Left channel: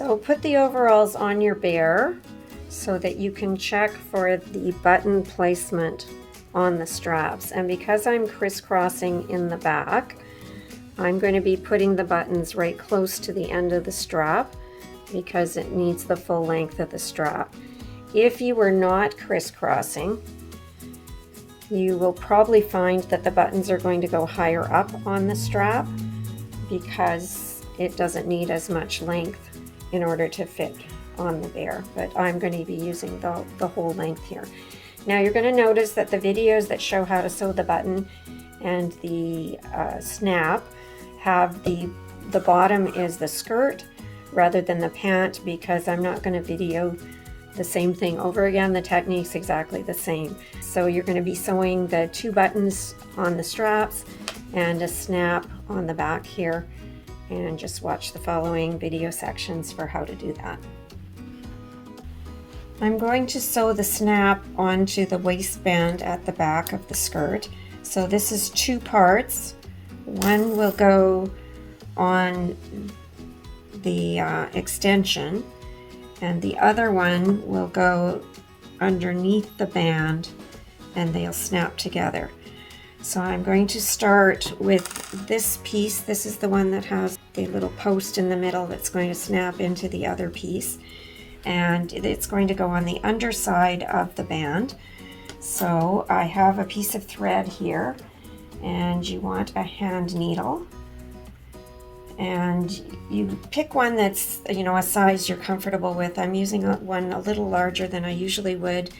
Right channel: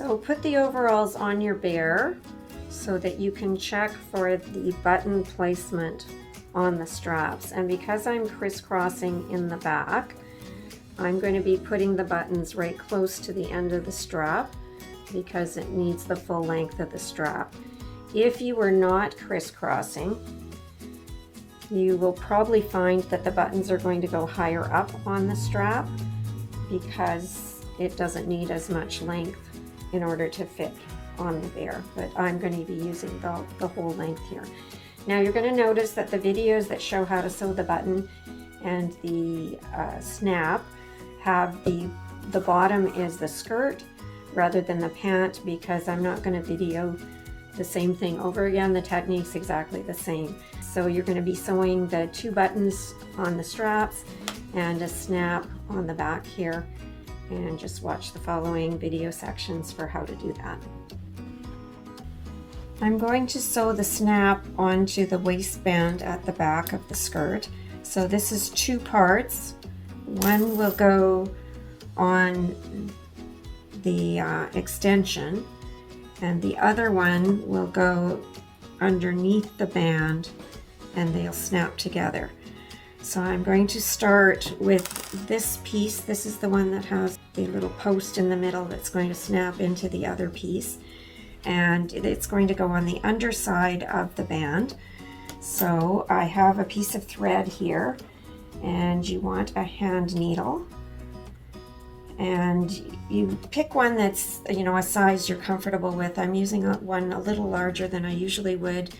So put the overalls on your bear so that you can check for the button placement on the straps. And because I'm crisscrossing in the back, I'm going to be putting the buttons right close to the end of the strap because it needs the full length of the strap. If you were not crisscrossing, you will probably find that the buttons are going to go higher up on the strap because it doesn't need as much length in order to fit on the bear, but I'm going to be using the whole length here. Now you're going to notice that the videos that show how to sew the button and the snap have the bottom is the skirt rather than the pant, because I'm not going to video the same thing over again. The technique's exactly the same. So you're going to be sewing the 2 buttons on the straps and a snap on the back here, and just watch the following video sections for how to do that. I'm going to sew the snap onto the waistband at the back of the skirt. So this is 2 parts. One will go on the extension, and the other one will go underneath the band, and they'll snap together. So I'm going to start with this piece. This is the one that has the little post in the middle that's going to snap into the other piece, and it's going to go on the underside of the band. So I have a piece of thread here, and you want a hand needle, and you pick one that's, you know, a size you're comfortable with. I'm using one a little larger than I usually would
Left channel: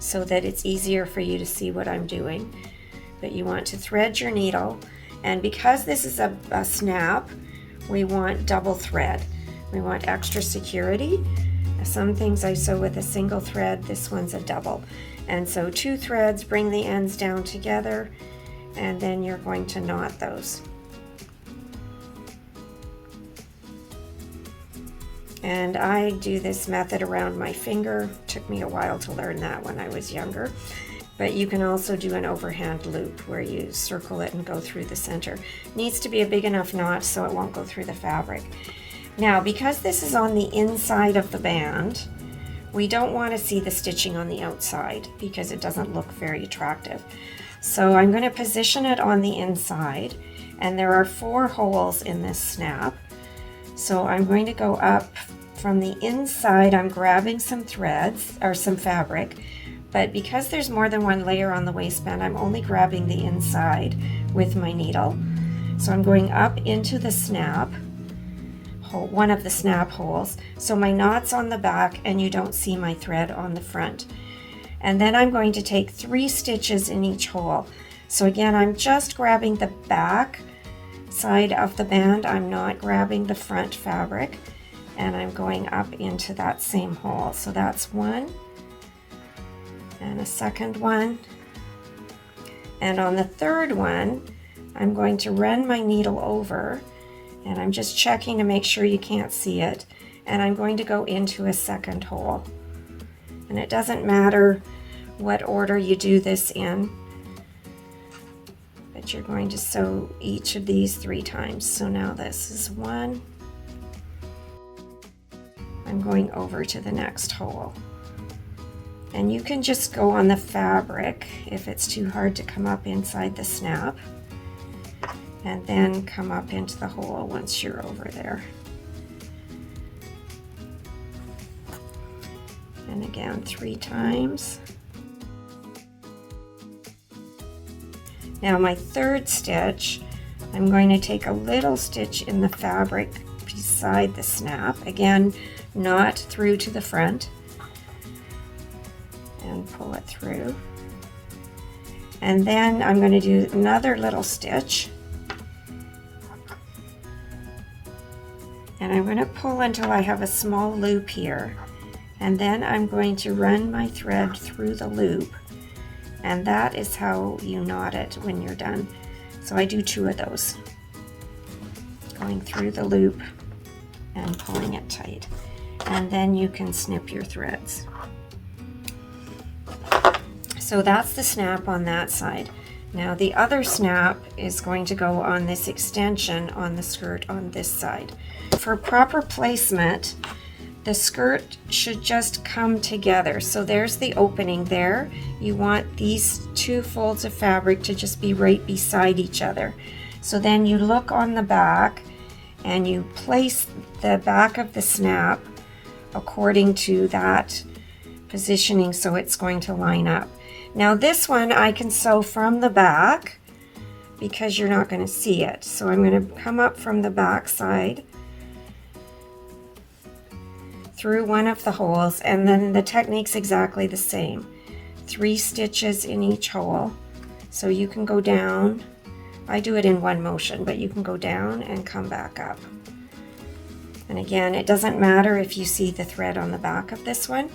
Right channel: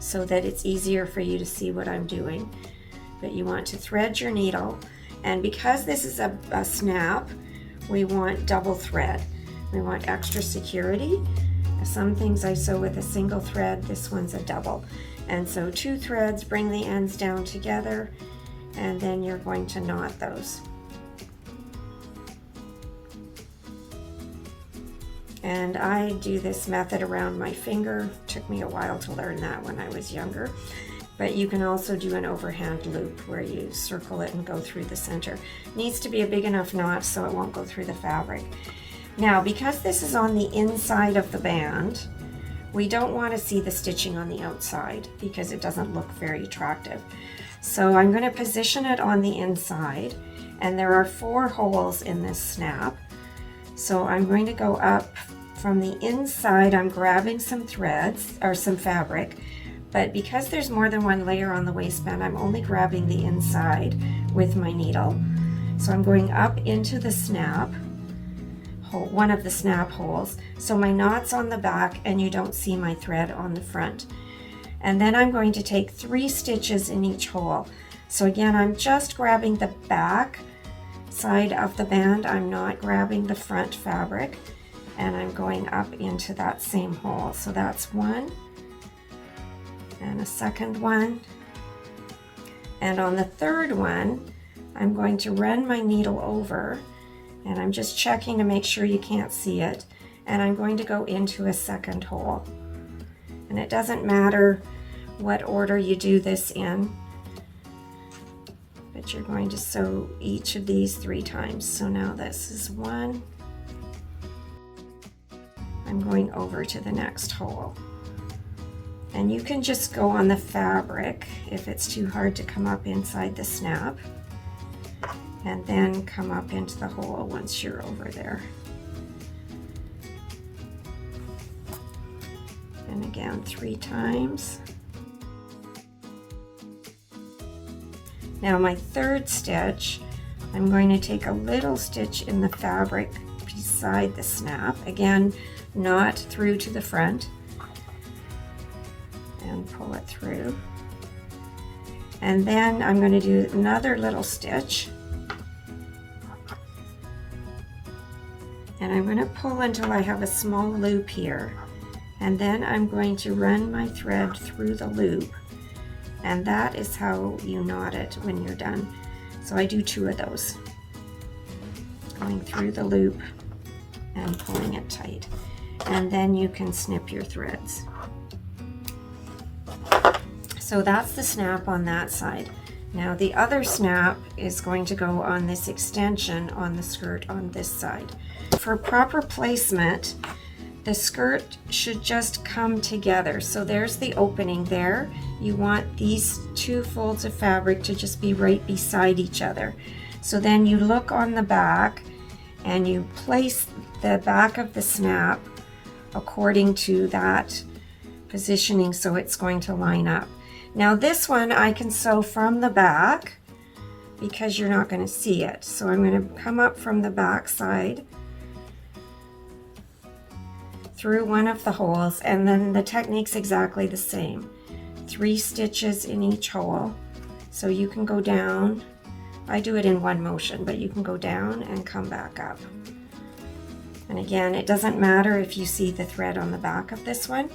so that it's easier for you to see what I'm doing. But you want to thread your needle, and because this is a snap, we want double thread. We want extra security. Some things I sew with a single thread, this one's a double. And so 2 threads, bring the ends down together, and then you're going to knot those. And I do this method around my finger. It took me a while to learn that when I was younger. But you can also do an overhand loop where you circle it and go through the center. It needs to be a big enough knot so it won't go through the fabric. Now, because this is on the inside of the band, we don't want to see the stitching on the outside because it doesn't look very attractive. So I'm going to position it on the inside, and there are 4 holes in this snap. So I'm going to go up from the inside. I'm grabbing some threads or some fabric, but because there's more than one layer on the waistband, I'm only grabbing the inside with my needle. So I'm going up into the snap hole, one of the snap holes, so my knot's on the back and you don't see my thread on the front. And then I'm going to take 3 stitches in each hole. So again, I'm just grabbing the back side of the band. I'm not grabbing the front fabric, and I'm going up into that same hole. So that's 1 and a second one, and on the 3rd one I'm going to run my needle over, and I'm just checking to make sure you can't see it, and I'm going to go into a 2nd hole. And it doesn't matter what order you do this in, but you're going to sew each of these 3 times. So now this is 1. I'm going over to the next hole. And you can just go on the fabric if it's too hard to come up inside the snap, and then come up into the hole once you're over there. And again, 3 times. Now my 3rd stitch, I'm going to take a little stitch in the fabric beside the snap, again not through to the front, and pull it through. And then I'm going to do another little stitch, and I'm going to pull until I have a small loop here, and then I'm going to run my thread through the loop, and that is how you knot it when you're done. So I do 2 of those, going through the loop and pulling it tight, and then you can snip your threads. So that's the snap on that side. Now the other snap is going to go on this extension on the skirt on this side. For proper placement, the skirt should just come together. So there's the opening there. You want these two folds of fabric to just be right beside each other. So then you look on the back and you place the back of the snap according to that positioning so it's going to line up. Now this one I can sew from the back because you're not going to see it. So I'm going to come up from the back side through one of the holes, and then the technique's exactly the same. 3 stitches in each hole. So you can go down. I do it in one motion, but you can go down and come back up. And again, it doesn't matter if you see the thread on the back of this one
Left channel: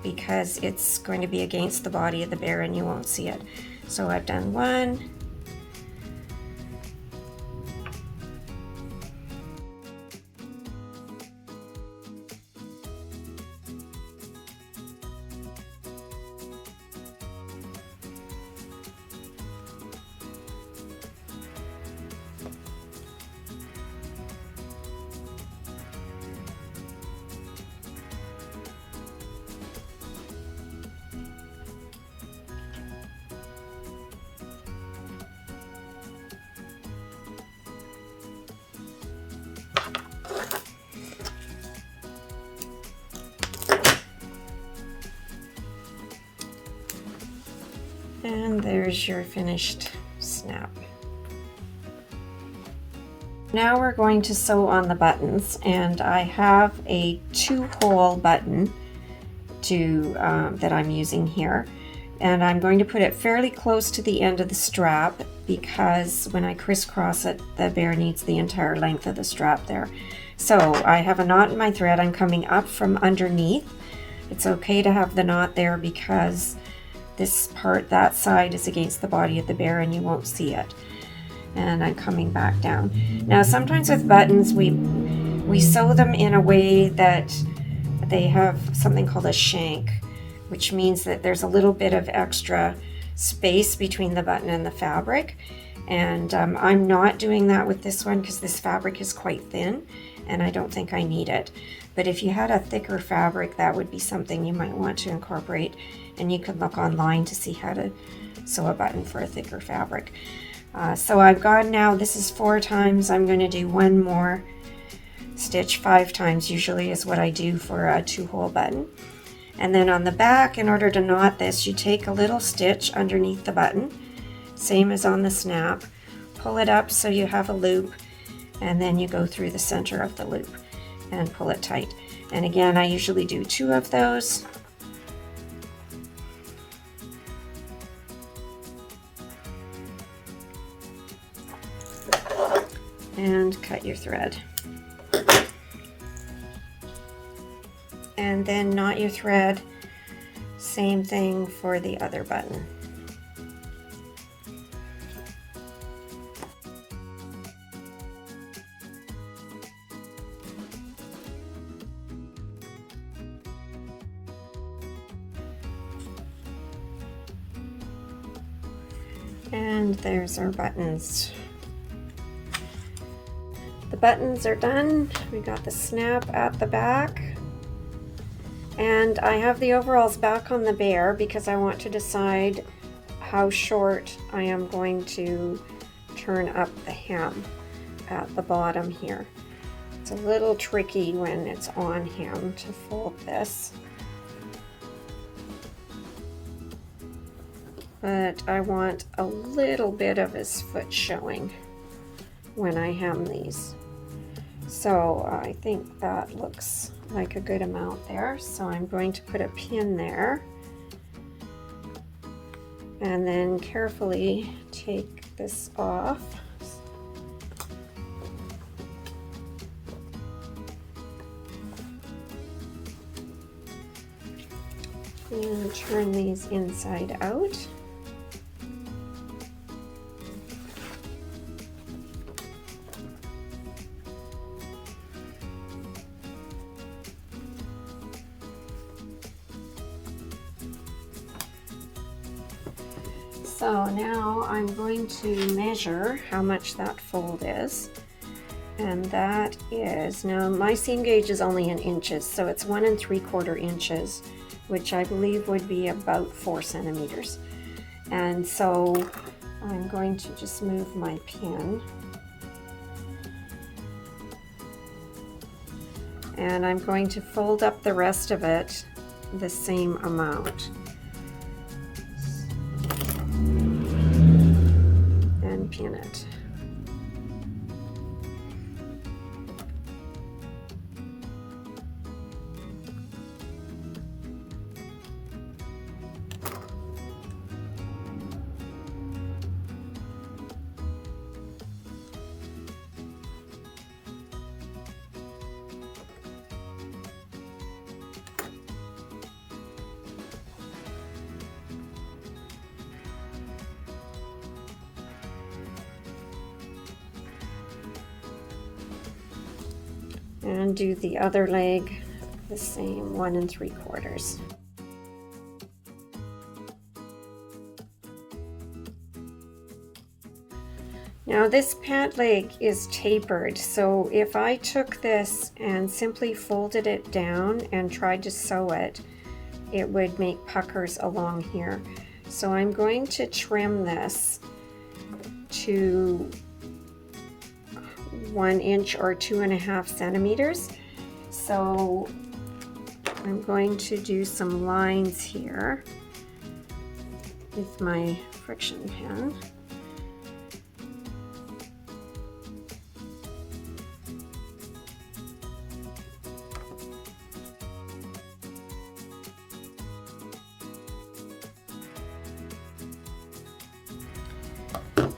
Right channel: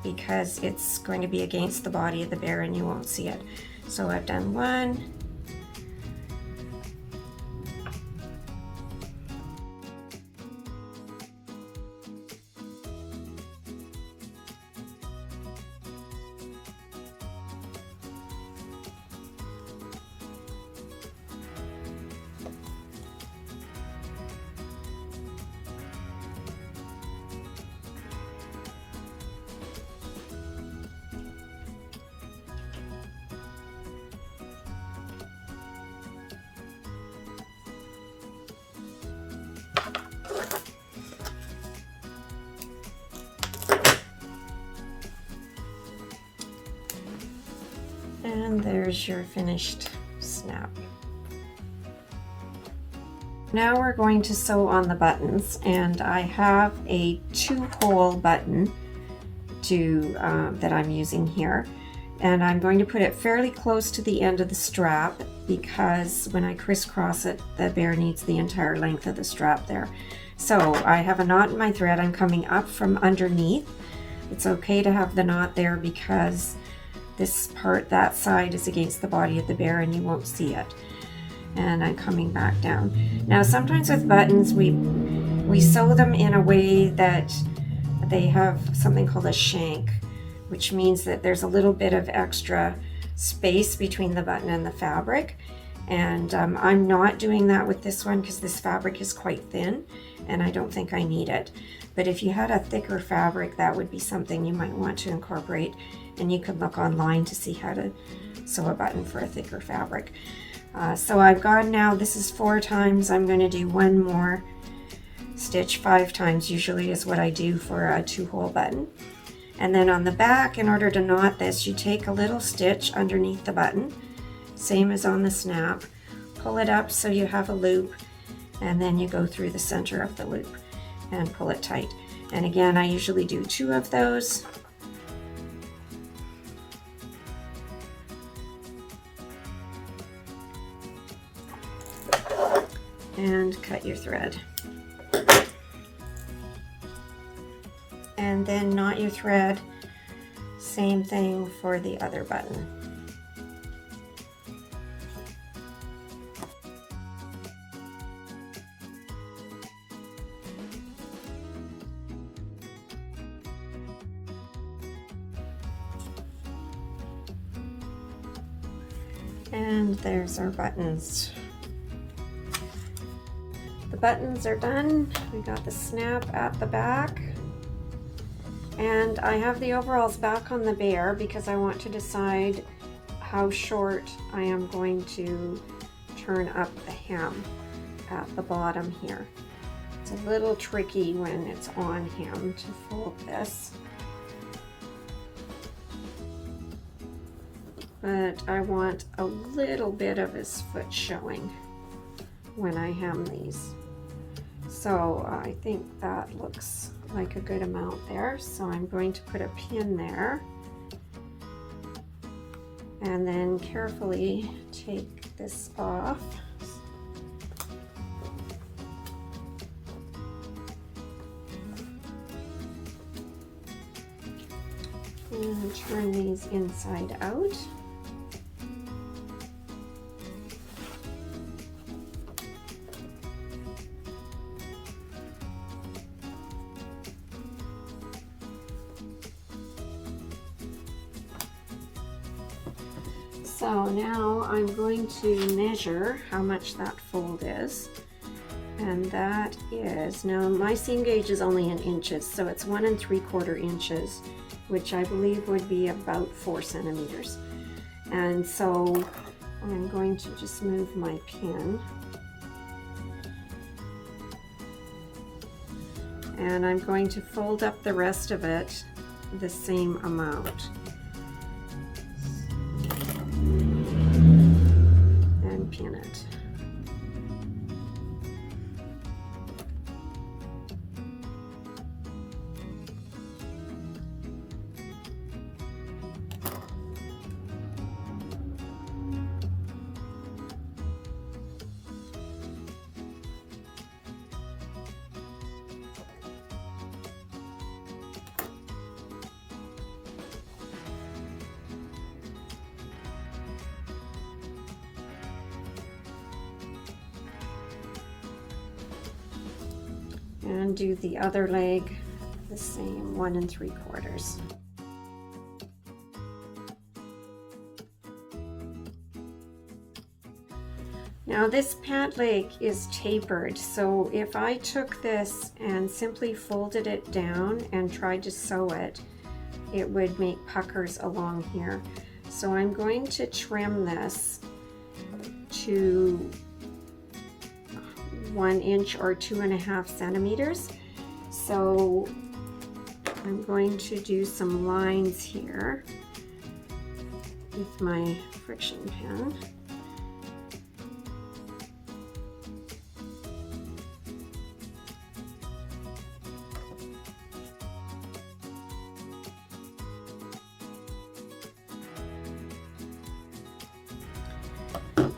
because it's going to be against the body of the bear and you won't see it. So I've done 1, and there's your finished snap. Now we're going to sew on the buttons, and I have a 2-hole button that I'm using here, and I'm going to put it fairly close to the end of the strap because when I crisscross it, the bear needs the entire length of the strap there. So I have a knot in my thread. I'm coming up from underneath. It's okay to have the knot there because this part, that side, is against the body of the bear and you won't see it. And I'm coming back down. Now sometimes with buttons we sew them in a way that they have something called a shank, which means that there's a little bit of extra space between the button and the fabric. And I'm not doing that with this one because this fabric is quite thin and I don't think I need it. But if you had a thicker fabric, that would be something you might want to incorporate, and you could look online to see how to sew a button for a thicker fabric. So I've got now, this is 4 times. I'm going to do 1 more stitch 5 times usually is what I do for a 2-hole button. And then on the back, in order to knot this, you take a little stitch underneath the button, same as on the snap, pull it up so you have a loop, and then you go through the center of the loop and pull it tight. And again, I usually do 2 of those. And cut your thread. And then knot your thread. Same thing for the other button. And there's our buttons. The buttons are done. We got the snap at the back. And I have the overalls back on the bear because I want to decide how short I am going to turn up the hem at the bottom here. It's a little tricky when it's on him to fold this. But I want a little bit of his foot showing when I hem these. So I think that looks like a good amount there. So I'm going to put a pin there and then carefully take this off. And turn these inside out. So now I'm going to measure how much that fold is. And that is, now my seam gauge is only in inches, so it's 1 3/4 inches, which I believe would be about 4 centimeters. And so I'm going to just move my pin. And I'm going to fold up the rest of it the same amount. And pin it. And do the other leg the same, 1 3/4. Now this pant leg is tapered, so if I took this and simply folded it down and tried to sew it, it would make puckers along here. So I'm going to trim this to 1 inch or 2.5 centimeters. So I'm going to do some lines here with my friction pen.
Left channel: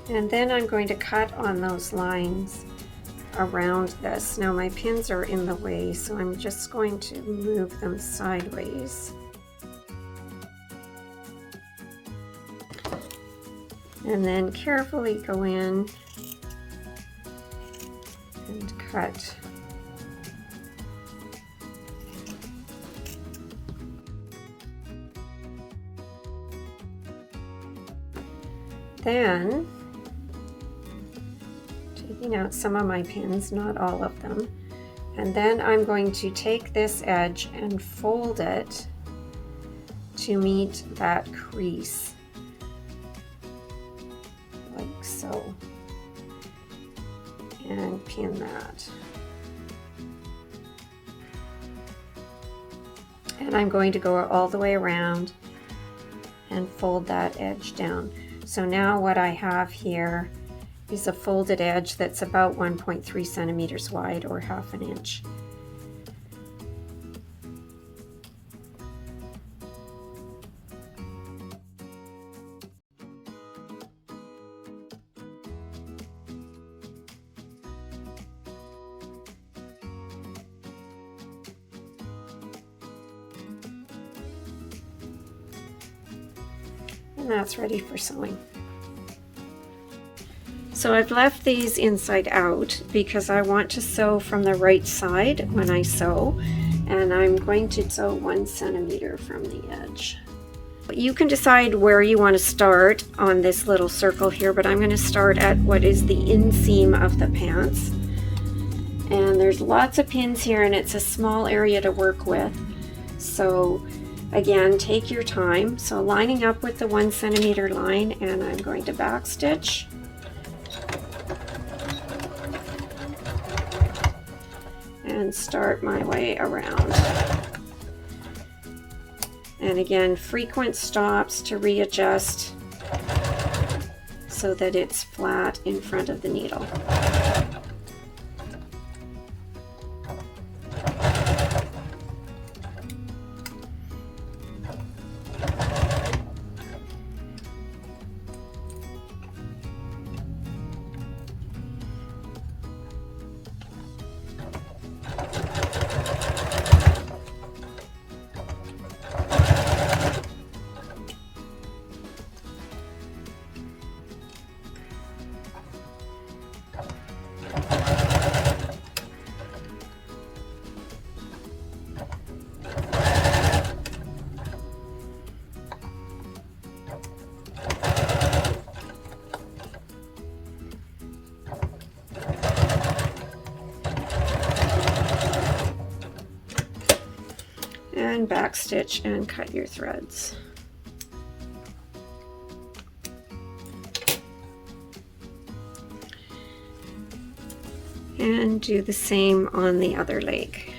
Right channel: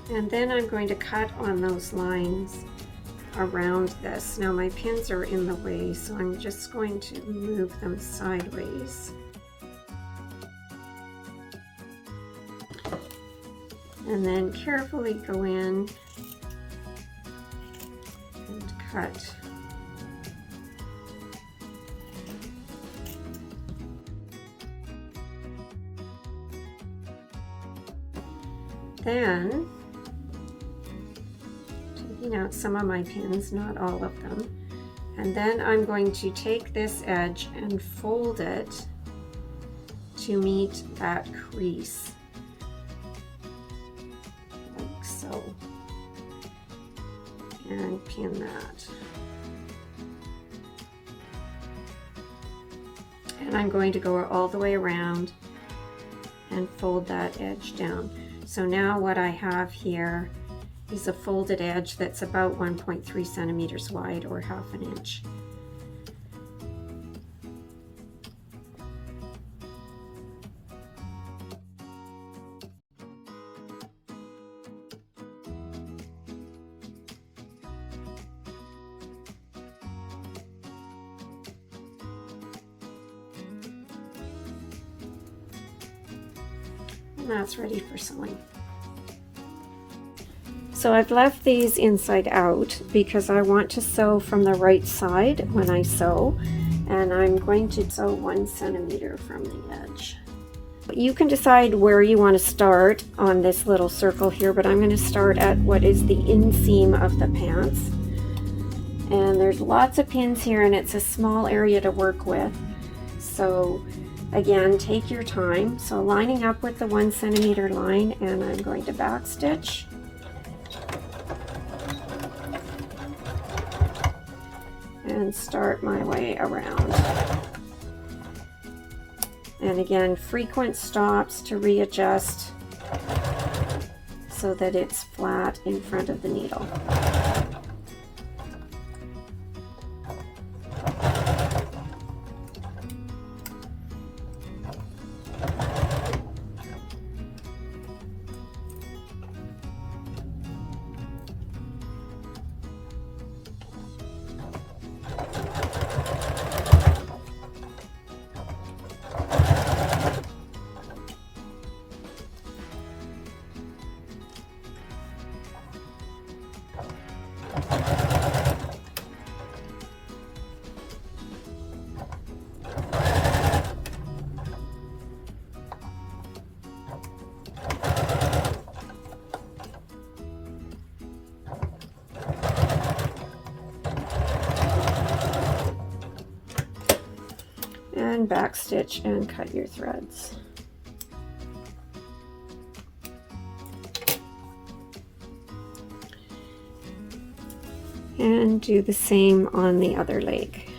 And then I'm going to cut on those lines around this. Now my pins are in the way, so I'm just going to move them sideways. And then carefully go in and cut. Then, taking out some of my pins, not all of them, and then I'm going to take this edge and fold it to meet that crease, like so, and pin that. And I'm going to go all the way around and fold that edge down. So now what I have here is a folded edge that's about 1.3 centimeters wide, or 1/2 inch. And that's ready for sewing. So I've left these inside out because I want to sew from the right side when I sew, and I'm going to sew 1 centimeter from the edge. You can decide where you want to start on this little circle here, but I'm going to start at what is the inseam of the pants. And there's lots of pins here, and it's a small area to work with. So again, take your time. So lining up with the 1 centimeter line, and I'm going to back stitch. And start my way around. And again, frequent stops to readjust so that it's flat in front of the needle. and backstitch and cut your threads. And do the same on the other leg.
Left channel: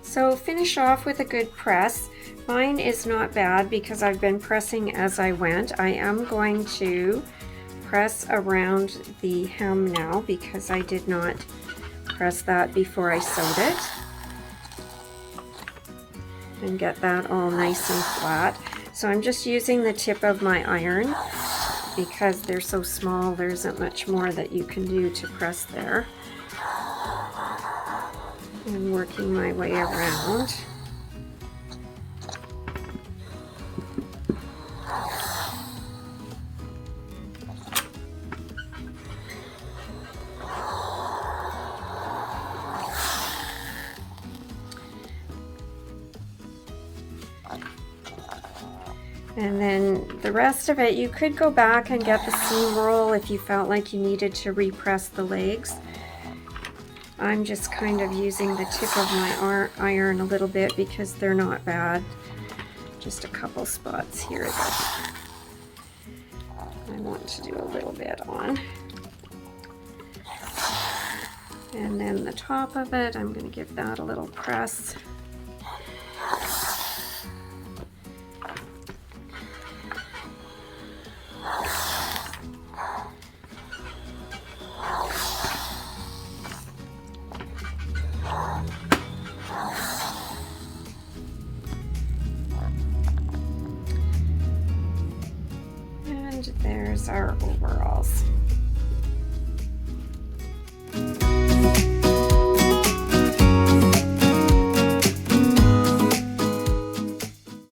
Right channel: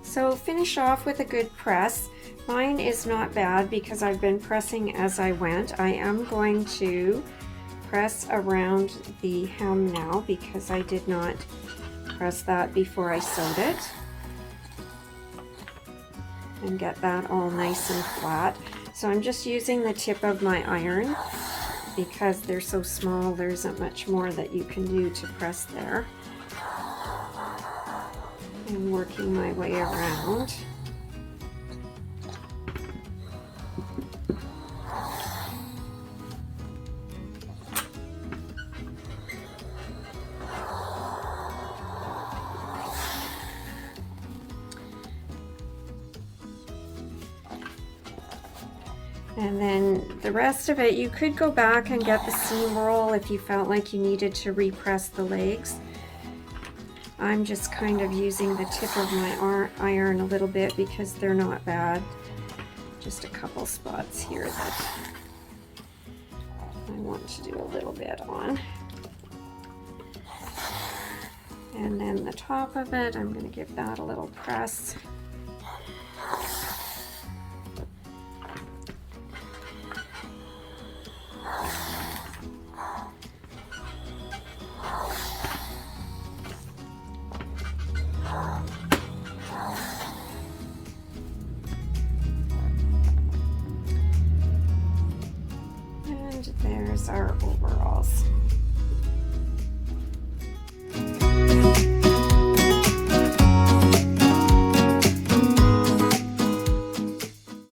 So finish off with a good press. Mine is not bad because I've been pressing as I went. I am going to press around the hem now because I did not press that before I sewed it. And get that all nice and flat. So I'm just using the tip of my iron because they're so small, there isn't much more that you can do to press there. And working my way around. And then the rest of it, you could go back and get the seam roll if you felt like you needed to repress the legs. I'm just kind of using the tip of my iron a little bit because they're not bad. Just a couple spots here that I want to do a little bit on. And then the top of it, I'm going to give that a little press. And there's our overalls.